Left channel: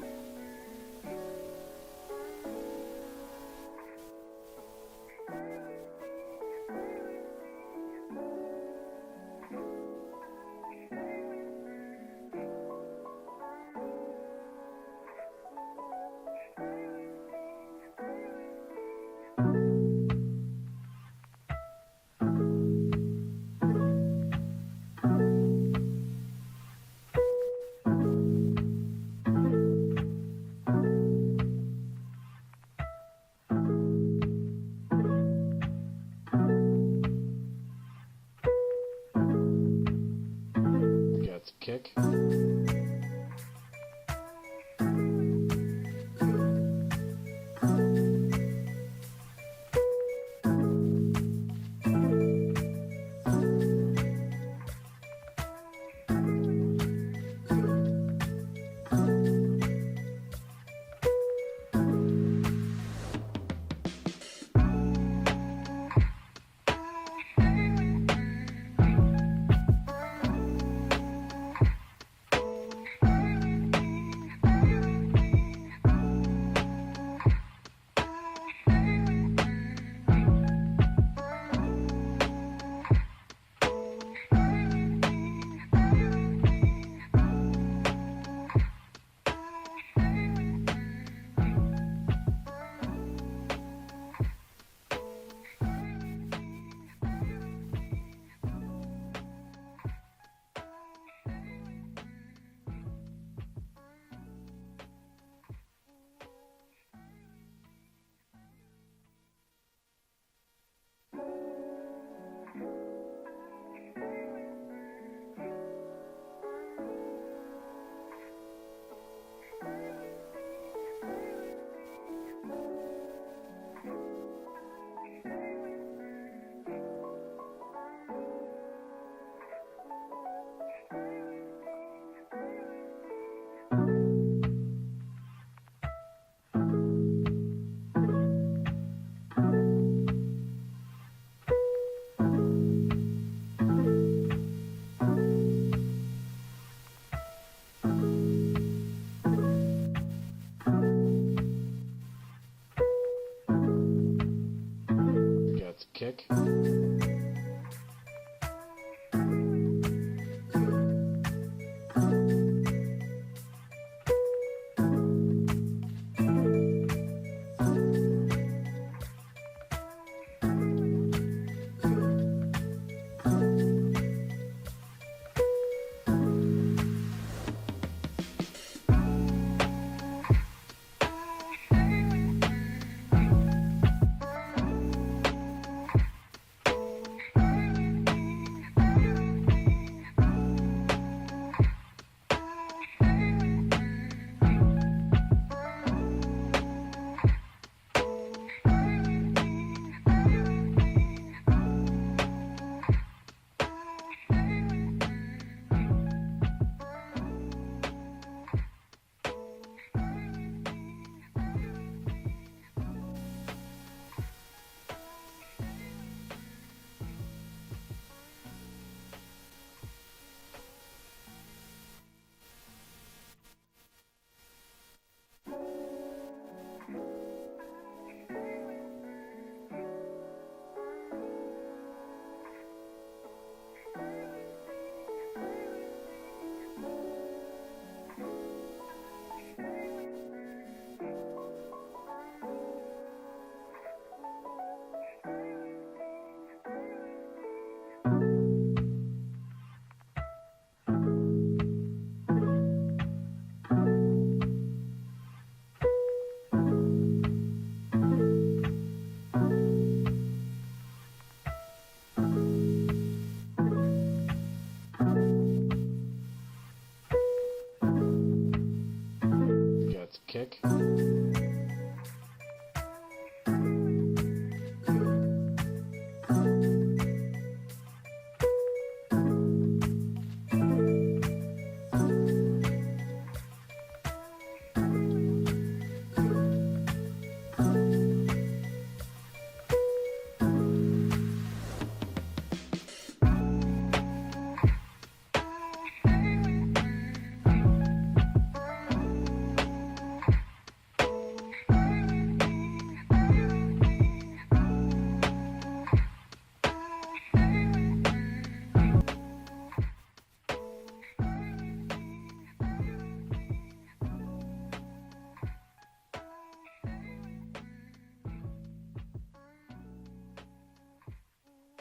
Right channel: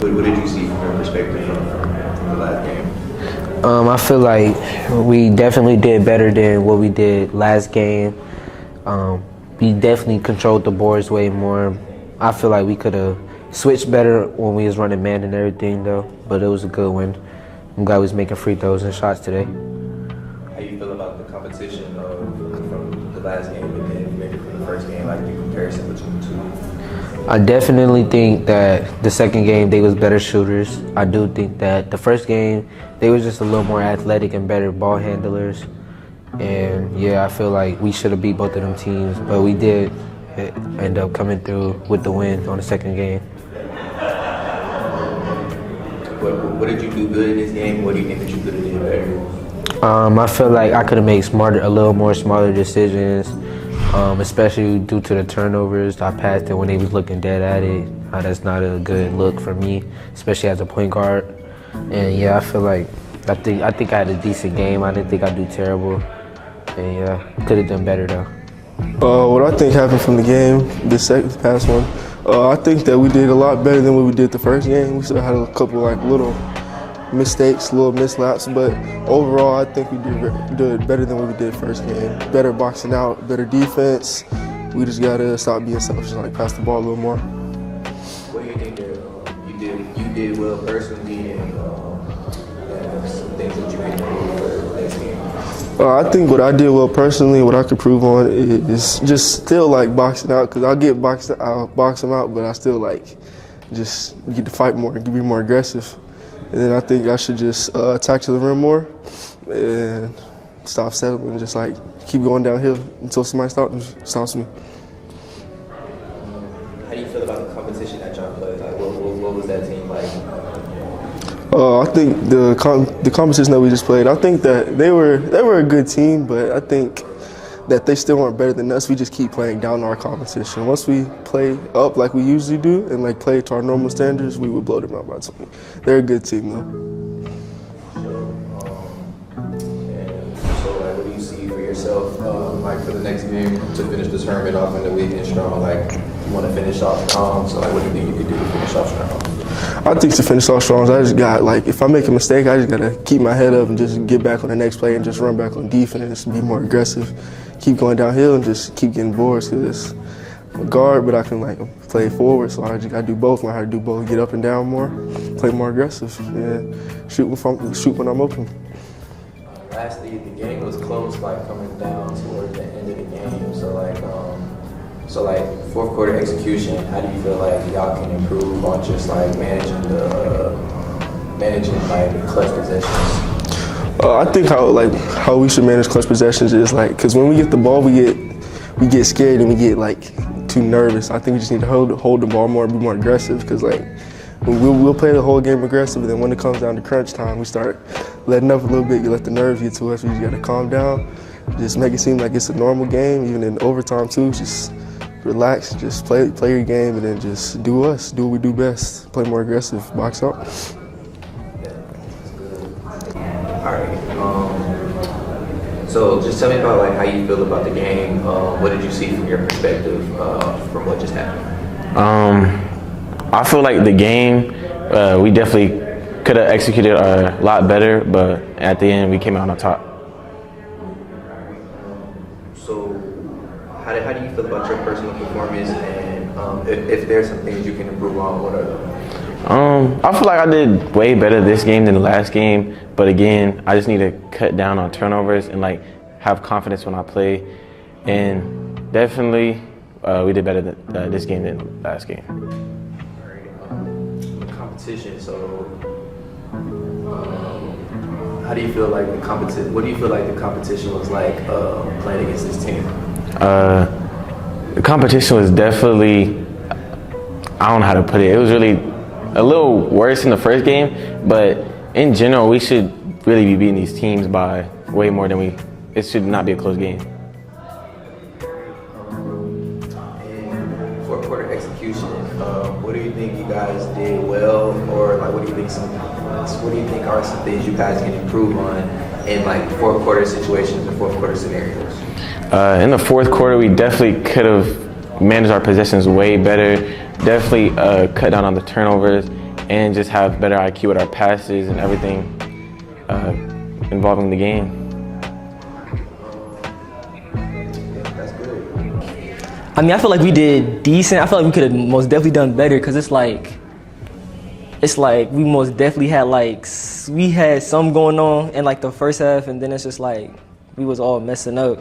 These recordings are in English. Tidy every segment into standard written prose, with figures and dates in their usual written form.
What did you see from your perspective from the last game? I feel like we definitely did better than what we did last game. We definitely controlled the boards way more. I feel like we could have switched better when we was running man and everything though, but it was a good win. I'm glad we was making free throws and shots today. How you feel about the competition from the last game and then maybe from the first game, like the comparison between the two? I definitely think that the second game they was better shooters. I do think that the first game they was just a little more athletic and better ball handlers. And yeah, I feel like we should have beat both of them teams, but we did end up coming through with the win on the second game. What did you do good in this game? What do you think that you could have did better? I feel like I could have made a little more smarter decisions, especially due to the turnovers. I passed it when they was looking dead at it. That's not a good look for me, especially as a point guard. And yeah, I feel like I think I had a decent game. I didn't think I'd do terrible. And yeah, could have done better though. What I think happened from the game, this past one, I think that we did a lot better than what we did the first game. We still had a couple like little mistakes, little mislaps, but overall I think we did better than what we did first game. Better boxing out, better defense. We just gotta stop being selfish, like pass the ball a little more. What do you think that you did well personally and some things that you can improve for the next game? I think what I did well personally, what I could prove on is just still like boxing out, because I'll box them out, but I still like just get to fight more, be more aggressive. And then I think I should just attack to the rim more and stop settling and just like keep going downhill until somebody stops me. How do you feel about the competition that y'all played? Like, what was that team like? I think the competition that we just played, I think that they were a good team, but I think that they still weren't better than us. We just keep playing down our competition. Once we play up like we usually do and like play to our normal standards, we would blow them out by 20. They're a good team though. So like, what do you see for yourself, like for the next game to finish the tournament off in the weekend strong? Like, you want to finish off strong, so like, what do you think you could do to finish off strong? I think to finish off strong, I just got like, if I make a mistake, I just gotta keep my head up and just get back on the next play and just run back on defense and be more aggressive. Keep going downhill and just keep getting boards, because I'm a guard, but I can like play forward, so I just gotta do both. Learn how to do both, get up and down more, play more aggressive, and shoot when I'm open. Lastly, the game was close, like coming down towards the end of the game. So like fourth quarter execution, how do you feel like y'all can improve on just like managing like the clutch possessions? I think how we should manage clutch possessions is like, because when we get the ball, we get scared and we get like too nervous. I think we just need to hold the ball more and be more aggressive, because like we'll play the whole game aggressive, and then when it comes down to crunch time, we start letting up a little bit. You let the nerves get to us. We just gotta calm down, just make it seem like it's a normal game, even in overtime too. Just relax, just play your game, and then just do what we do best. Play more aggressive, box out. All right. So just tell me about like how you feel about the game. What did you see from your perspective from what just happened? I feel like the game, we definitely could have executed a lot better, but at the end we came out on top. So how do you feel about your personal performance, and if there's some things you can improve on, what are them? I feel like I did way better this game than the last game, but again, I just need to cut down on turnovers and like have confidence when I play. And definitely, we did better this game than last game. Competition. So, how do you feel like the competition? What do you feel like the competition was like playing against this team? The competition was definitely, I don't know how to put it. It was really a little worse in the first game, but in general, we should really be beating these teams by way more than it should not be a close game. And fourth quarter execution, what do you think you guys did well, or like what do you think are some things you guys can improve on in like fourth quarter situations and fourth quarter scenarios? In the fourth quarter, we definitely could have managed our possessions way better. definitely cut down on the turnovers and just have better IQ with our passes and everything involving the game. I mean, I feel like we did decent. I feel like we could have most definitely done better because it's like we most definitely had we had some going on in like the first half, and then it's just like we was all messing up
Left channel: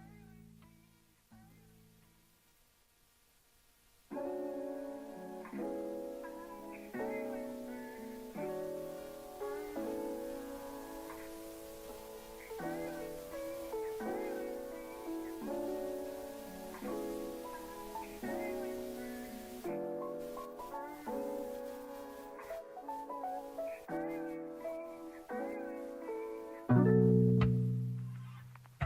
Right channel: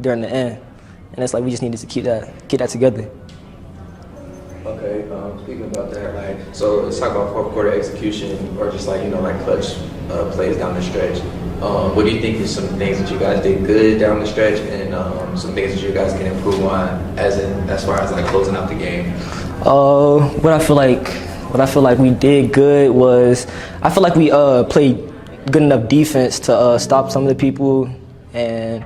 during the end, and it's like we just needed to get that together. Okay, speaking about that, like, so let's talk about fourth quarter execution, or just like, like clutch plays down the stretch. What do you think is some things that you guys did good down the stretch, and some things that you guys can improve on, as far as like closing out the game? What I feel like we did good was I feel like we played good enough defense to stop some of the people, and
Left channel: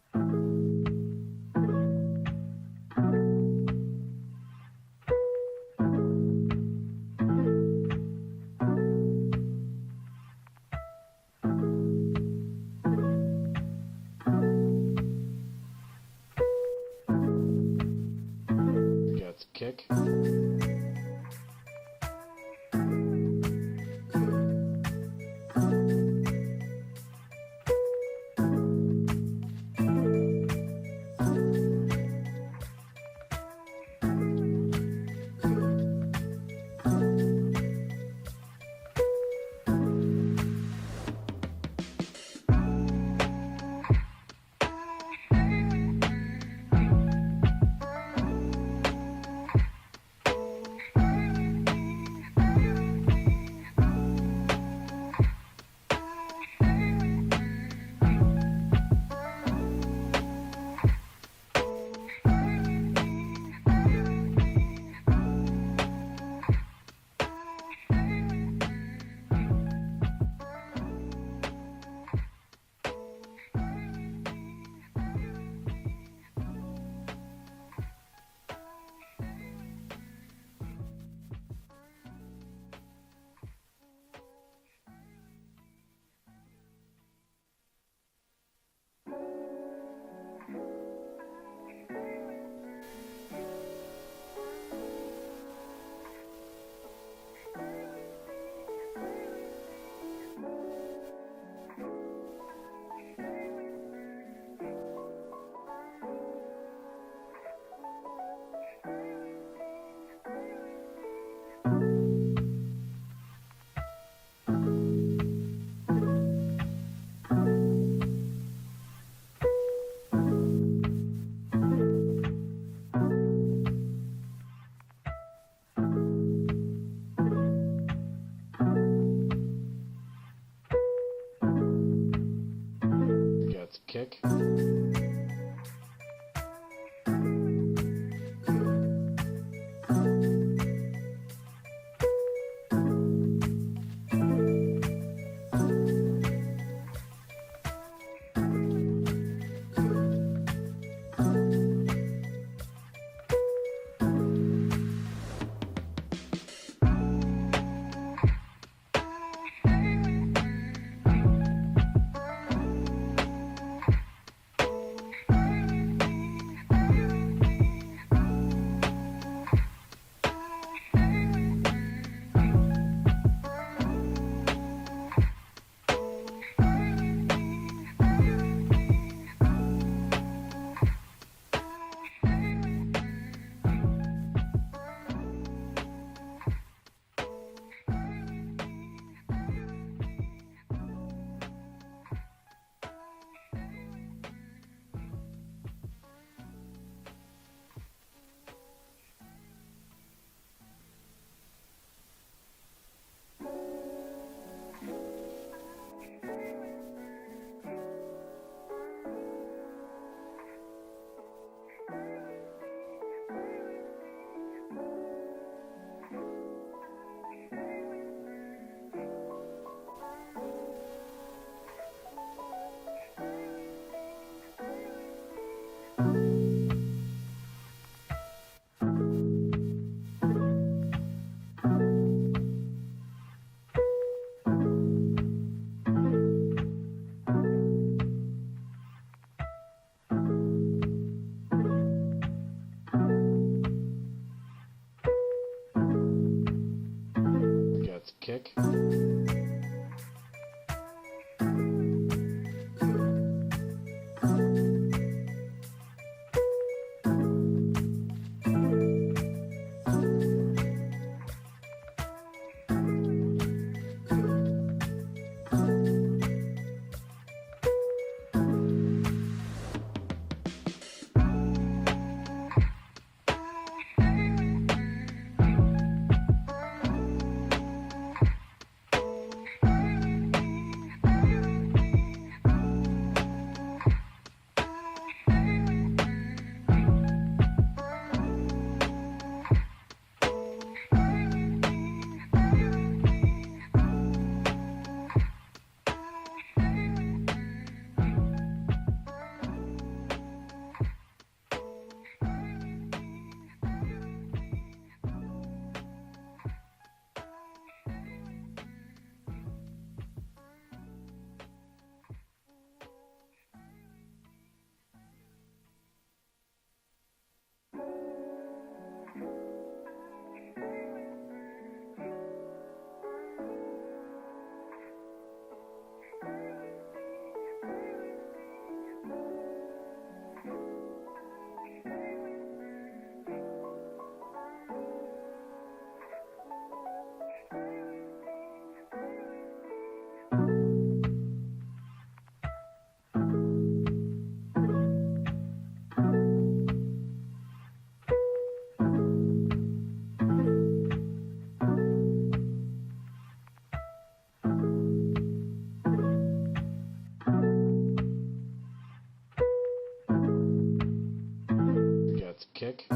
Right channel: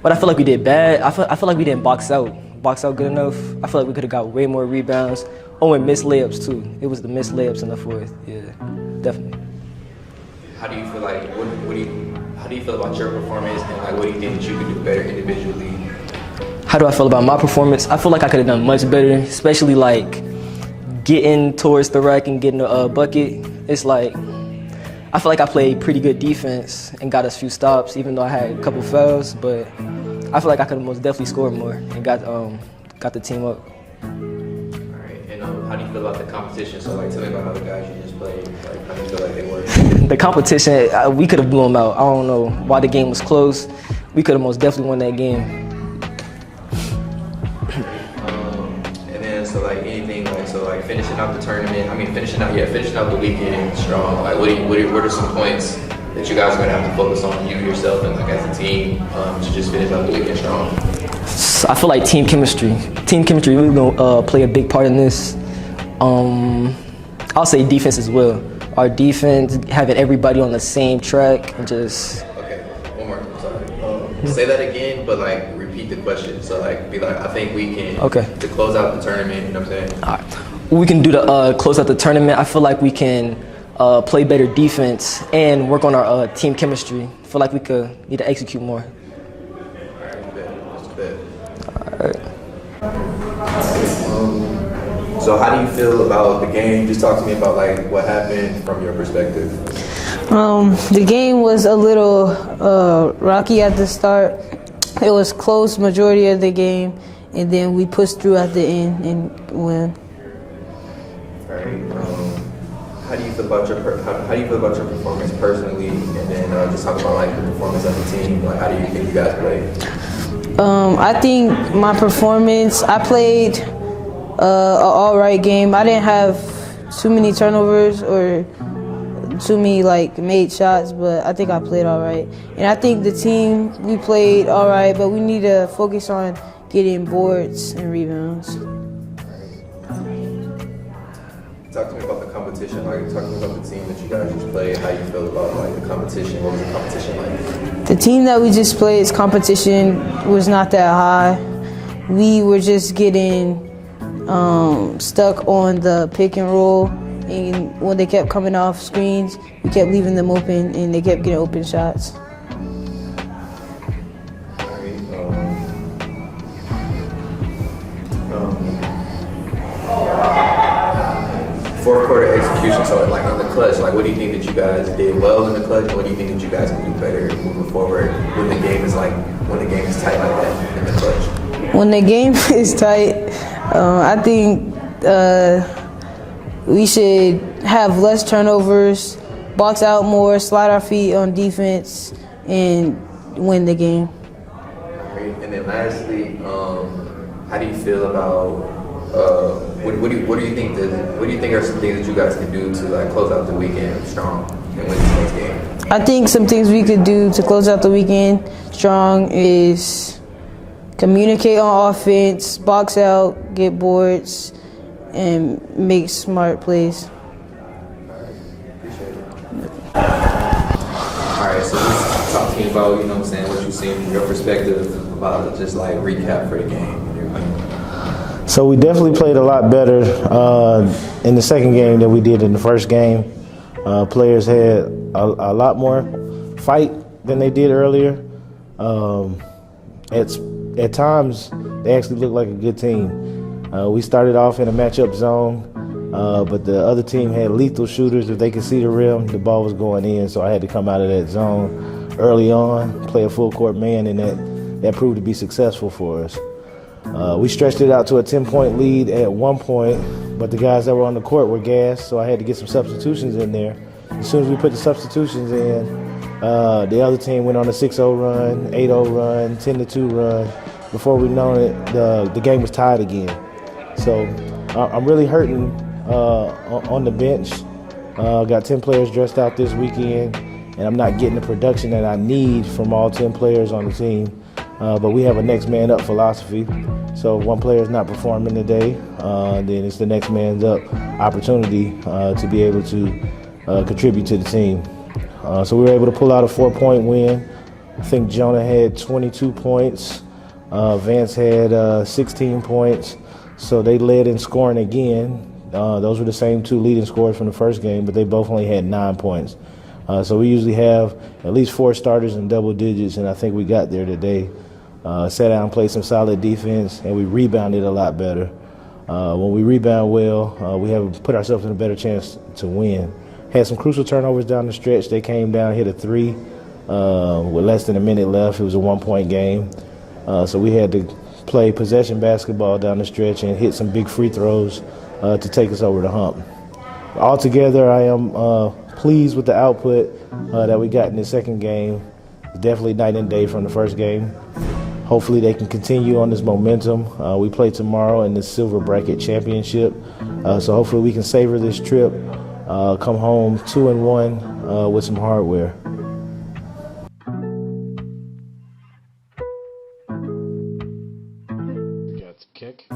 what I feel like we did bad, I feel like we didn't box out good enough. I feel like we could have got way more rebounds. Oh, and missed layups too. It was the missed layups in the fourth. Yeah, definitely. How do you feel like, how do you feel about your performance, and like what do you think that you could do better individually? How do I feel about my performance? I feel like I could have done much better, especially like getting towards the rack and getting a bucket. It's like I feel like I played pretty good defense and got us a few stops, even though I had a couple fouls. But I feel like I could have most definitely scored more and got the team up. All right, and how do you feel about the competition? So like, tell me about how the guys you just played. Like, how do you feel like they were? The competition, we could have blown them out. I don't know why the game was close. We could have most definitely won that game. And then, so like anything, like, so like finishing out the tournament, finishing out the weekend strong. Like, what are some points that you guys are gonna have to focus on, you yourself and like as a team, to just finish out the weekend strong? So I feel like team chemistry really gonna play a big part in this. I'll say defense as well. Our defense, having everybody on the same track and just. Okay, one more. Sorry. Say that again, but like repeat the question. So like, be like, I think we can. Okay. To close out the tournament, you know what I'm saying? All right. We can do the close out the tournament. I feel like we can play better defense and work on our team chemistry. I feel like we need to execute more. All right, bet. All right. So how do you feel about the game? Just talk to me about like what happened from your perspective. The game was a little rocky at the start. It was close majority of the game, and then we pushed through at the end and won. All right. How do you feel about your performance personally, and then just talk about like your performance as a team? Like, how do you think you guys played? I think my performance, I played an all right game. I didn't have too many turnovers or too many like made shots, but I think I played all right. And I think the team, we played all right, but we need to focus on getting boards and rebounds. Talk to me about the competition. Like, talk to me about the team that you guys just played. How you feel about like the competition? What was the competition like? The team that we just played's competition was not that high. We were just getting stuck on the pick and roll, and when they kept coming off screens, we kept leaving them open, and they kept getting open shots. Fourth quarter execution. So like in the clutch, like what do you think that you guys did well in the clutch? And what do you think that you guys can do better moving forward when the game is tight like that in the clutch? When the game is tight, I think we should have less turnovers, box out more, slide our feet on defense, and win the game. Great. And then lastly, how do you feel about what do you think are some things that you guys can do to like close out the weekend strong and win the next game? I think some things we could do to close out the weekend strong is communicate on offense, box out, get boards, and make smart plays. All right, so just talking about, you know what I'm saying, what you've seen from your perspective about just like recap for the game. So we definitely played a lot better in the second game than we did in the first game. Players had a lot more fight than they did earlier. At times, they actually looked like a good team. We started off in a matchup zone, but the other team had lethal shooters. If they could see the rim, the ball was going in, so I had to come out of that zone early on, play a full court man, and that proved to be successful for us. We stretched it out to a 10-point lead at one point, but the guys that were on the court were gassed, so I had to get some substitutions in there. As soon as we put the substitutions in, the other team went on a 6-0 run, 8-0 run, 10-2 run. Before we know it, the game was tied again. So I'm really hurting on the bench. Got 10 players dressed out this weekend, and I'm not getting the production that I need from all 10 players on the team. But we have a next man up philosophy. So if one player is not performing today, then it's the next man's up opportunity to be able to contribute to the team. So we were able to pull out a 4-point win. I think Jonah had 22 points. Vance had 16 points. So they led in scoring again. Those were the same two leading scorers from the first game, but they both only had 9 points. So we usually have at least 4 starters in double digits, and I think we got there today. Sat down, played some solid defense, and we rebounded a lot better. When we rebound well, we have put ourselves in a better chance to win. Had some crucial turnovers down the stretch. They came down, hit a 3 with less than a minute left. It was a 1-point game. So we had to play possession basketball down the stretch and hit some big free throws to take us over the hump. Altogether, I am pleased with the output that we got in the second game. Definitely night and day from the first game. Hopefully they can continue on this momentum. We play tomorrow in the Silver Bracket Championship. So hopefully we can savor this trip, come home 2-1 with some hardware. Got the kick.